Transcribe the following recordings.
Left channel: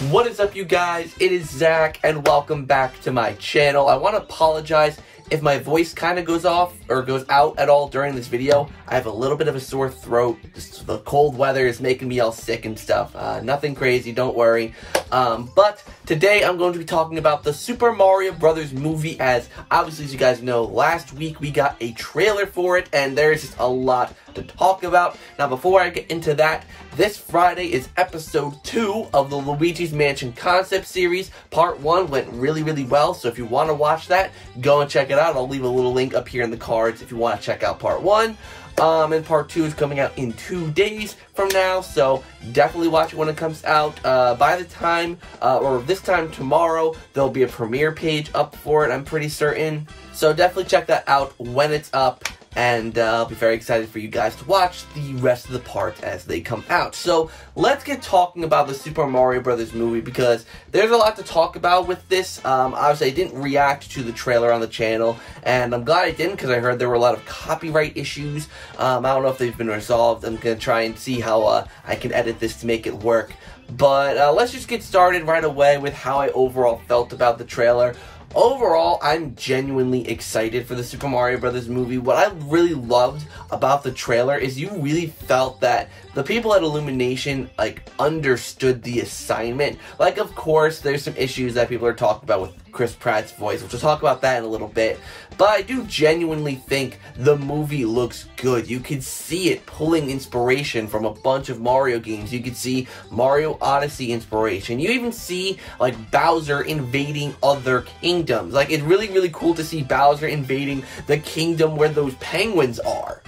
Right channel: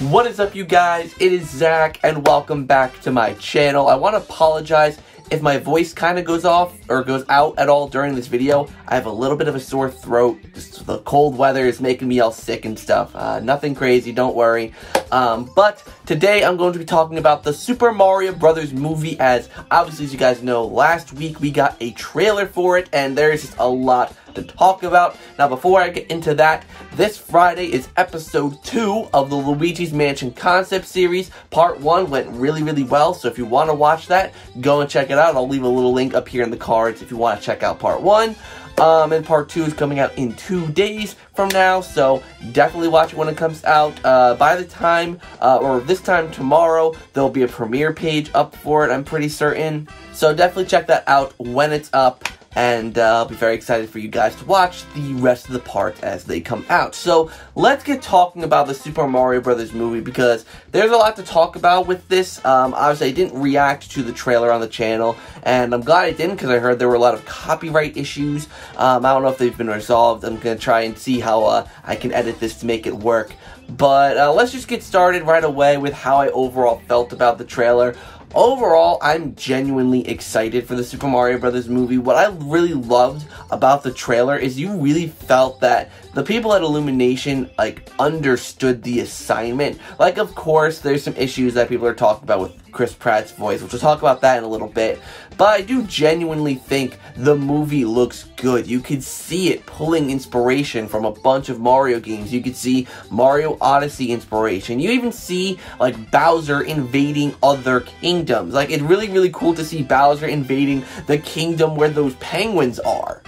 What is up, you guys? It is Zach, and welcome back to my channel. I want to apologize if my voice kind of goes off or goes out at all during this video. I have a little bit of a sore throat. Just the cold weather is making me all sick and stuff. Nothing crazy, don't worry. But today I'm going to be talking about the Super Mario Brothers movie, as obviously, as you guys know, last week we got a trailer for it, and there's just a lot to talk about. Now, before I get into that, this Friday is episode 2 of the Luigis Mansion concept series. Part 1 went really well, so if you want to watch that, go and check it out. I'll leave a little link up here in the cards if you want to check out part 1. And part 2 is coming out in 2 days from now, so definitely watch it when it comes out. By the time, or this time tomorrow, there'll be a premiere page up for it, I'm pretty certain. So definitely check that out when it's up. And I'll be very excited for you guys to watch the rest of the parts as they come out. So let's get talking about the Super Mario Brothers movie, because there's a lot to talk about with this. Obviously, I didn't react to the trailer on the channel, and I'm glad I didn't, because I heard there were a lot of copyright issues. I don't know if they've been resolved. I'm going to try and see how I can edit this to make it work. But let's just get started right away with how I overall felt about the trailer. Overall, I'm genuinely excited for the Super Mario Brothers movie. What I really loved about the trailer is you really felt that the people at Illumination, understood the assignment. Of course, there's some issues that people are talking about with Chris Pratt's voice, which we'll talk about that in a little bit. But I do genuinely think the movie looks good. You could see it pulling inspiration from a bunch of Mario games. You could see Mario Odyssey inspiration. You even see, Bowser invading other kingdoms. It's really cool to see Bowser invading the kingdom where those penguins are.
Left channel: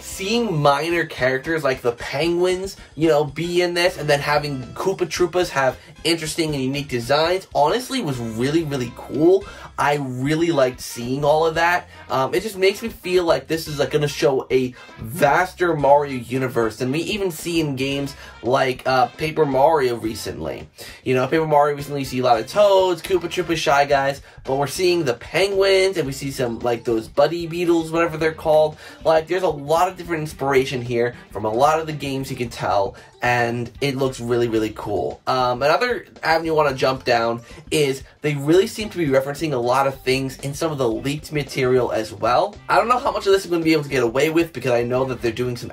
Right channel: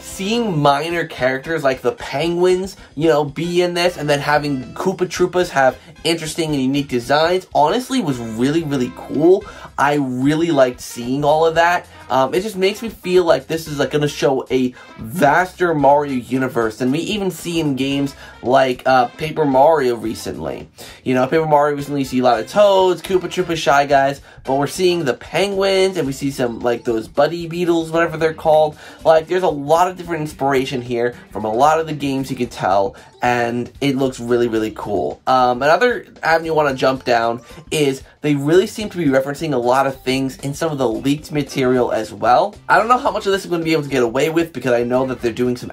Seeing minor characters like the penguins, be in this, and then having Koopa Troopas have interesting and unique designs, honestly was really cool. I really liked seeing all of that. It just makes me feel like this is going to show a vaster Mario universe than we even see in games like Paper Mario recently. Paper Mario recently, you see a lot of Toads, Koopa Troopas, Shy Guys, but we're seeing the penguins, and we see some, those buddy beetles, whatever they're called. There's a lot of different inspiration here from a lot of the games, you can tell, and it looks really cool. Another avenue I want to jump down is they really seem to be referencing a lot of things in some of the leaked material as well. I don't know how much of this I'm going to be able to get away with, because I know that they're doing some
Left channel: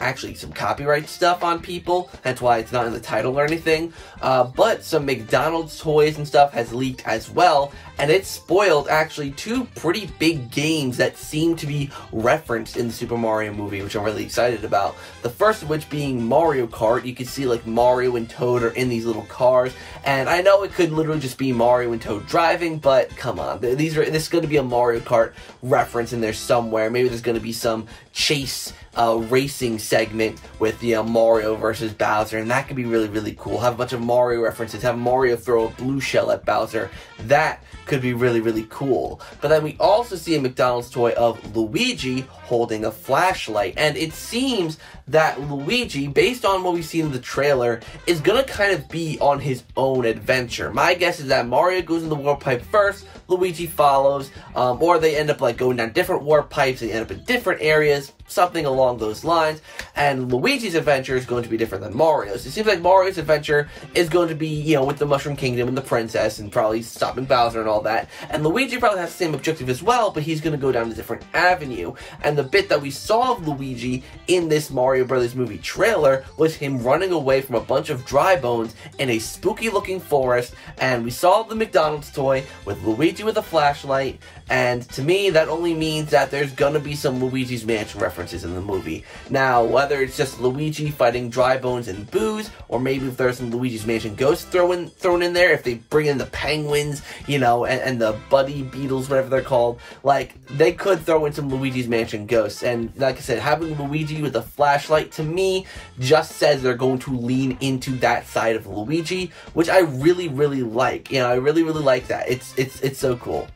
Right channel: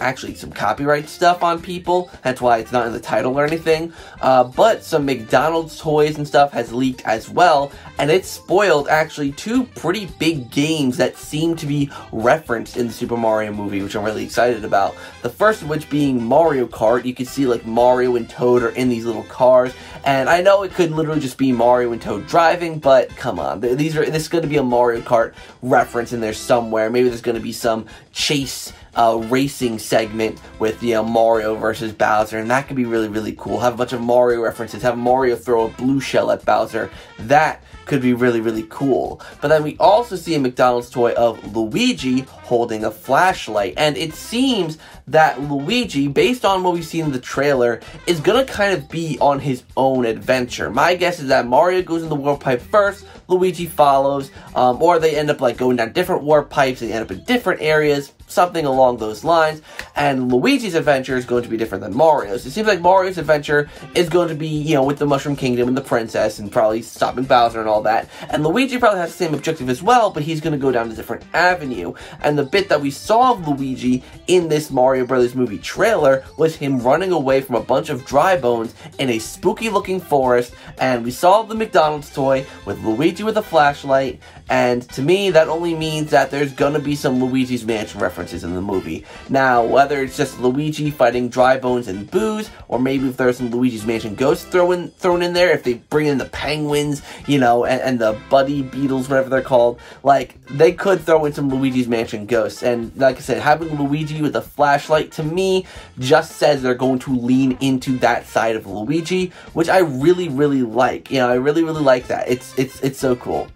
copyright stuff on people, that's why it's not in the title or anything. But some McDonald's toys and stuff has leaked as well, and it spoiled actually 2 pretty big games that seem to be referenced in the Super Mario movie, which I'm really excited about. The first of which being Mario Kart. You can see Mario and Toad are in these little cars, and I know it could literally just be Mario and Toad driving, but come on, this is going to be a Mario Kart reference in there somewhere. Maybe there's going to be some chase racing segment with Mario versus Bowser, and that could be really cool. Have a bunch of Mario references, have Mario throw a blue shell at Bowser. That could be really cool. But then we also see a McDonald's toy of Luigi holding a flashlight, and it seems that Luigi, based on what we see in the trailer, is gonna kind of be on his own adventure. My guess is that Mario goes in the warp pipe first, Luigi follows, or they end up going down different warp pipes, they end up in different areas, something along those lines, and Luigi's adventure is going to be different than Mario's. It seems like Mario's adventure is going to be, with the Mushroom Kingdom and the princess, and probably stopping Bowser and all that, and Luigi probably has the same objective as well, but he's going to go down a different avenue. And the bit that we saw of Luigi in this Mario Brothers movie trailer was him running away from a bunch of dry bones in a spooky looking forest, and we saw the McDonald's toy with Luigi with a flashlight, and to me, that only means that there's gonna be some Luigi's Mansion references in the movie. Now, whether it's just Luigi fighting dry bones and booze, or maybe if there's some Luigi's Mansion ghosts thrown in there, if they bring in the penguins, and the buddy beetles, whatever they're called, they could throw in some Luigi's Mansion ghosts. And like I said, having Luigi with a flashlight, to me, just says they're going to lean into that side of Luigi, which I really like. I really like that. It's so cool.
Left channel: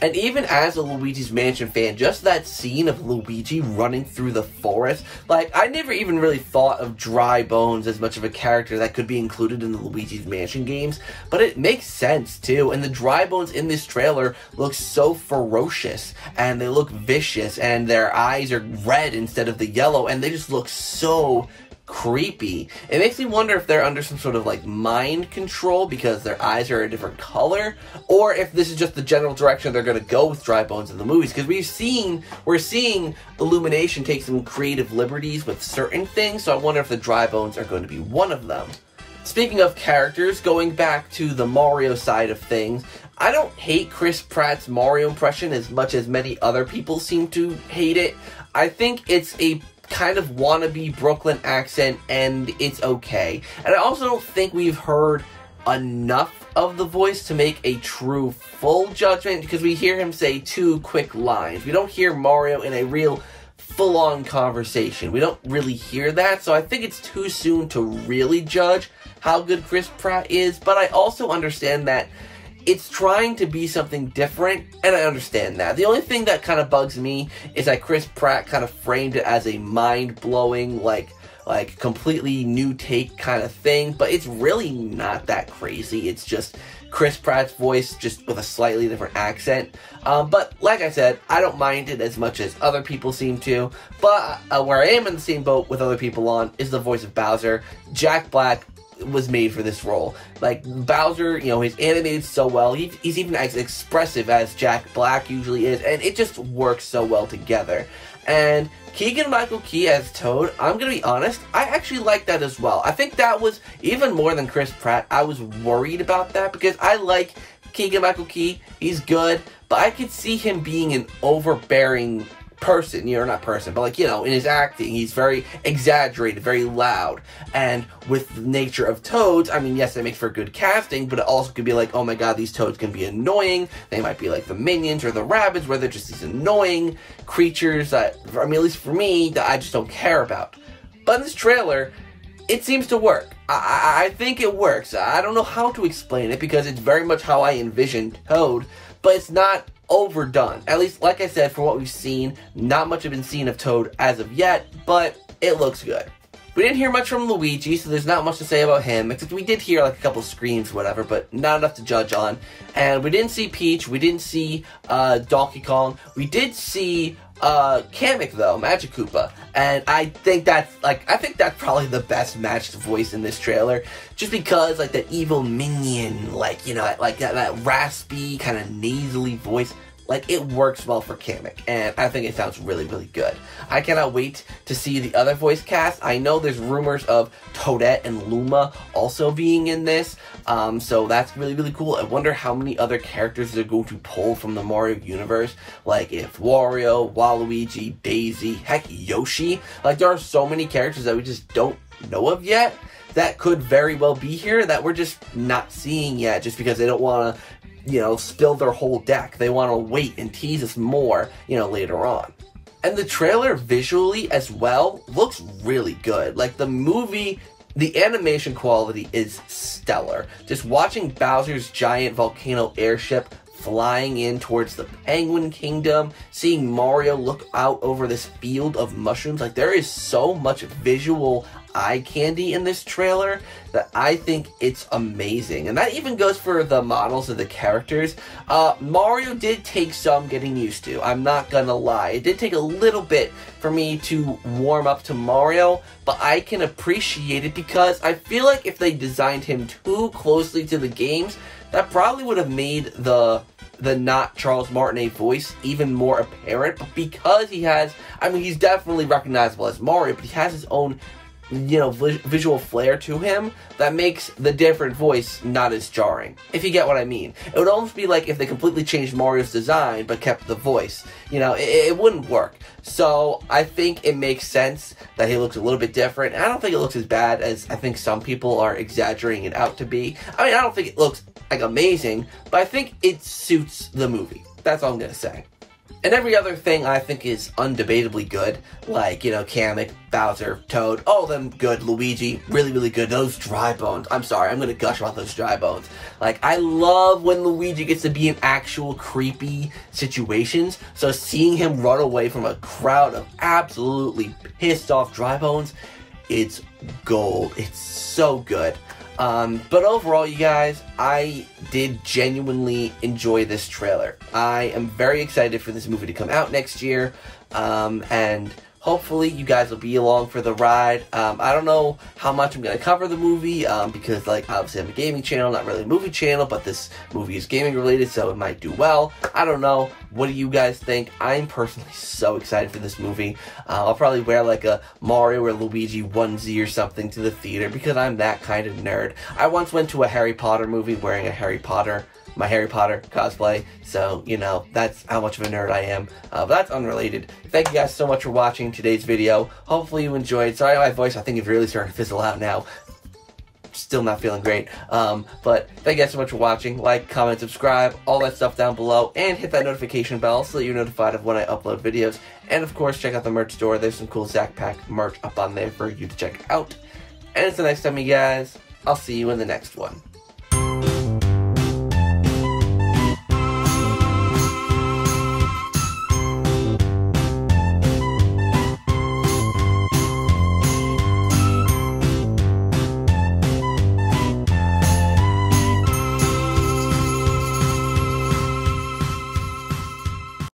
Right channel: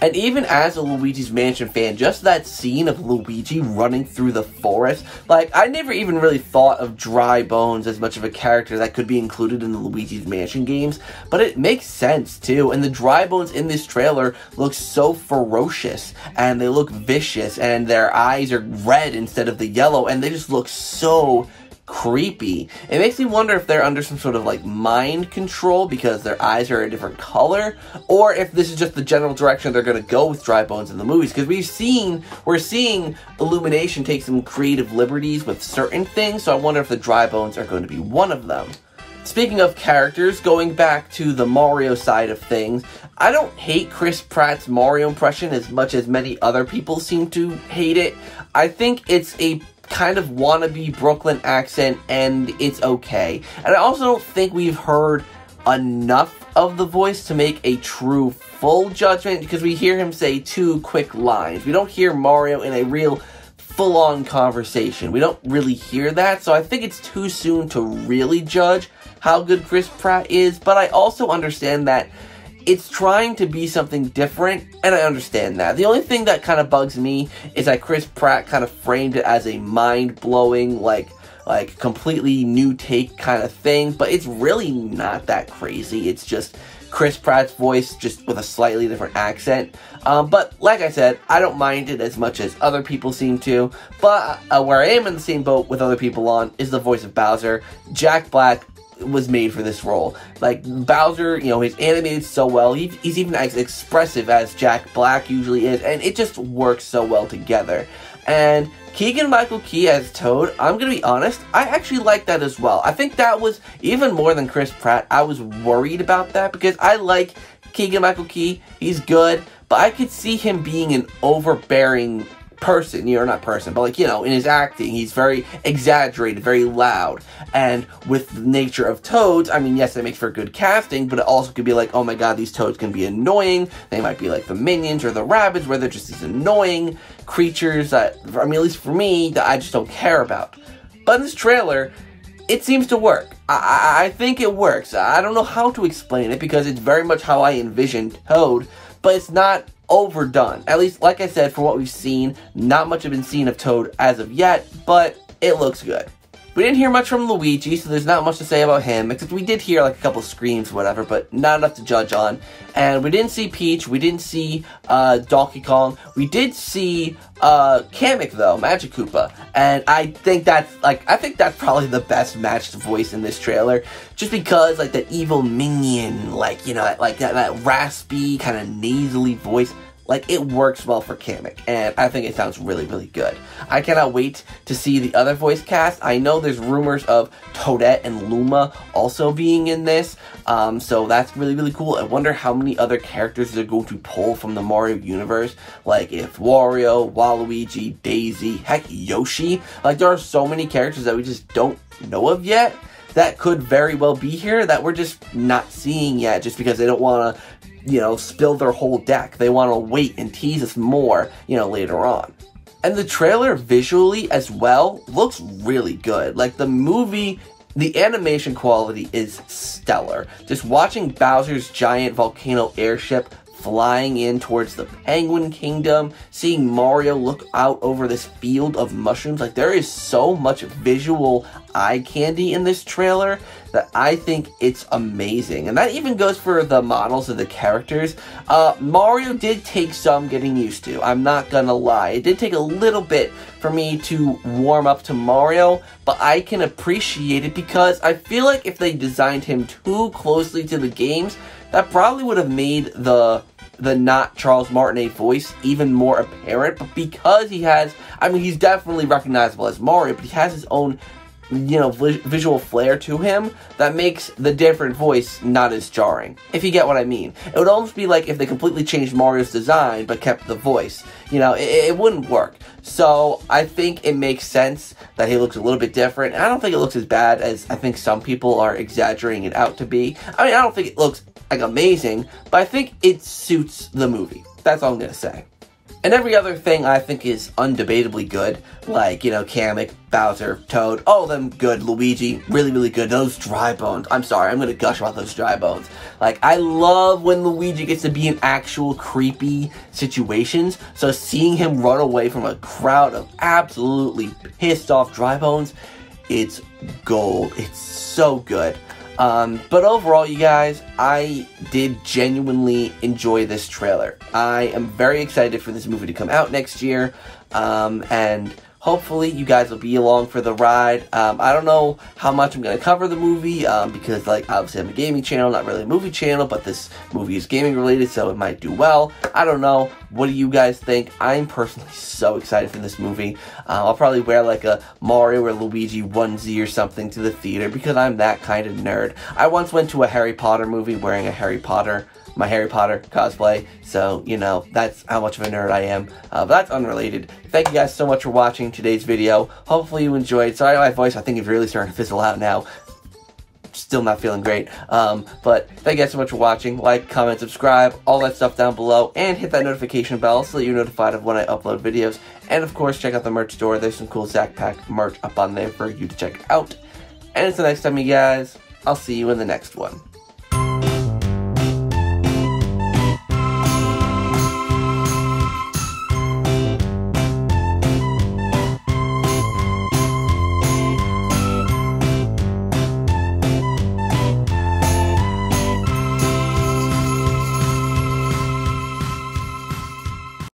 And even as a Luigi's Mansion fan, just that scene of Luigi running through the forest, I never even really thought of Dry Bones as much of a character that could be included in the Luigi's Mansion games, but it makes sense too. And the Dry Bones in this trailer look so ferocious, and they look vicious, and their eyes are red instead of the yellow, and they just look so creepy. It makes me wonder if they're under some sort of like mind control because their eyes are a different color, or if this is just the general direction they're going to go with Dry Bones in the movies, because we're seeing Illumination take some creative liberties with certain things, so I wonder if the Dry Bones are going to be one of them. Speaking of characters, going back to the Mario side of things, I don't hate Chris Pratt's Mario impression as much as many other people seem to hate it. I think it's a kind of wannabe Brooklyn accent, and it's okay. And I also don't think we've heard enough of the voice to make a true full judgment, because we hear him say 2 quick lines. We don't hear Mario in a real full-on conversation. We don't really hear that, so I think it's too soon to really judge how good Chris Pratt is, but I also understand that it's trying to be something different, and I understand that. The only thing that kind of bugs me is that Chris Pratt kind of framed it as a mind-blowing, like completely new take kind of thing, but it's really not that crazy. It's just Chris Pratt's voice, just with a slightly different accent. But like I said, I don't mind it as much as other people seem to, but where I am in the same boat with other people on is the voice of Bowser. Jack Black was made for this role. Like, Bowser, you know, he's animated so well. He's even as expressive as Jack Black usually is, and it just works so well together. And Keegan-Michael Key as Toad, I'm gonna be honest, I actually like that as well. I think that was, even more than Chris Pratt, I was worried about that, because I like Keegan-Michael Key, he's good, but I could see him being an overbearing person, you know, not person, but like, you know, in his acting, he's very exaggerated, very loud. And with the nature of Toads, I mean, yes, that makes for good casting, but it also could be like, oh my god, these Toads can be annoying. They might be like the Minions or the Rabbids, where they're just these annoying creatures that, I mean, at least for me, that I just don't care about. But in this trailer, it seems to work. I think it works. I don't know how to explain it, because it's very much how I envisioned Toad, but it's not overdone. At least, like I said, for what we've seen, not much has been seen of Toad as of yet, but it looks good. We didn't hear much from Luigi, so there's not much to say about him, except we did hear like a couple screams or whatever, but not enough to judge on. And we didn't see Peach, we didn't see Donkey Kong, we did see Kamek though, Magic Koopa, and I think that's probably the best matched voice in this trailer, just because like that evil minion, like, you know, like that raspy, kind of nasally voice, like, it works well for Kamek, and I think it sounds really, really good. I cannot wait to see the other voice cast. I know there's rumors of Toadette and Luma also being in this, so that's really, really cool. I wonder how many other characters they're going to pull from the Mario universe, like if Wario, Waluigi, Daisy, heck, Yoshi. Like, there are so many characters that we just don't know of yet that could very well be here that we're just not seeing yet, just because they don't want to, you know, spill their whole deck. They want to wait and tease us more, you know, later on. And the trailer visually as well looks really good. Like, the movie, the animation quality is stellar. Just watching Bowser's giant volcano airship flying in towards the Penguin Kingdom, seeing Mario look out over this field of mushrooms, like, there is so much visual eye candy in this trailer that I think it's amazing. And that even goes for the models of the characters. Mario did take some getting used to, I'm not gonna lie. It did take a little bit for me to warm up to Mario, but I can appreciate it, because I feel like if they designed him too closely to the games, that probably would have made the not Charles Martinet voice even more apparent. But because he has, I mean, he's definitely recognizable as Mario, but he has his own, you know, visual flair to him that makes the different voice not as jarring, if you get what I mean. It would almost be like if they completely changed Mario's design but kept the voice. You know, it wouldn't work. So I think it makes sense that he looks a little bit different. I don't think it looks as bad as I think some people are exaggerating it out to be. I mean, I don't think it looks like amazing, but I think it suits the movie. That's all I'm gonna say. And every other thing I think is undebatably good, like, you know, Kamek, Bowser, Toad, all of them good. Luigi, really, really good. Those Dry Bones, I'm sorry, I'm gonna gush about those Dry Bones. Like, I love when Luigi gets to be in actual creepy situations, so seeing him run away from a crowd of absolutely pissed off Dry Bones, it's gold. It's so good. But overall, you guys, I did genuinely enjoy this trailer. I am very excited for this movie to come out next year, and hopefully you guys will be along for the ride. I don't know how much I'm going to cover the movie, because, like, obviously I'm a gaming channel, not really a movie channel, but this movie is gaming related, so it might do well. I don't know. What do you guys think? I'm personally so excited for this movie. I'll probably wear, like, a Mario or Luigi onesie or something to the theater, because I'm that kind of nerd. I once went to a Harry Potter movie wearing my Harry Potter cosplay, so, you know, that's how much of a nerd I am. But that's unrelated. Thank you guys so much for watching today's video. Hopefully you enjoyed. Sorry, my voice, I think it's really starting to fizzle out now. Still not feeling great. But thank you guys so much for watching. Like, comment, subscribe, all that stuff down below, and hit that notification bell so that you're notified of when I upload videos. And of course, check out the merch store. There's some cool ZakPak merch up on there for you to check out. And until next time, you guys, I'll see you in the next one.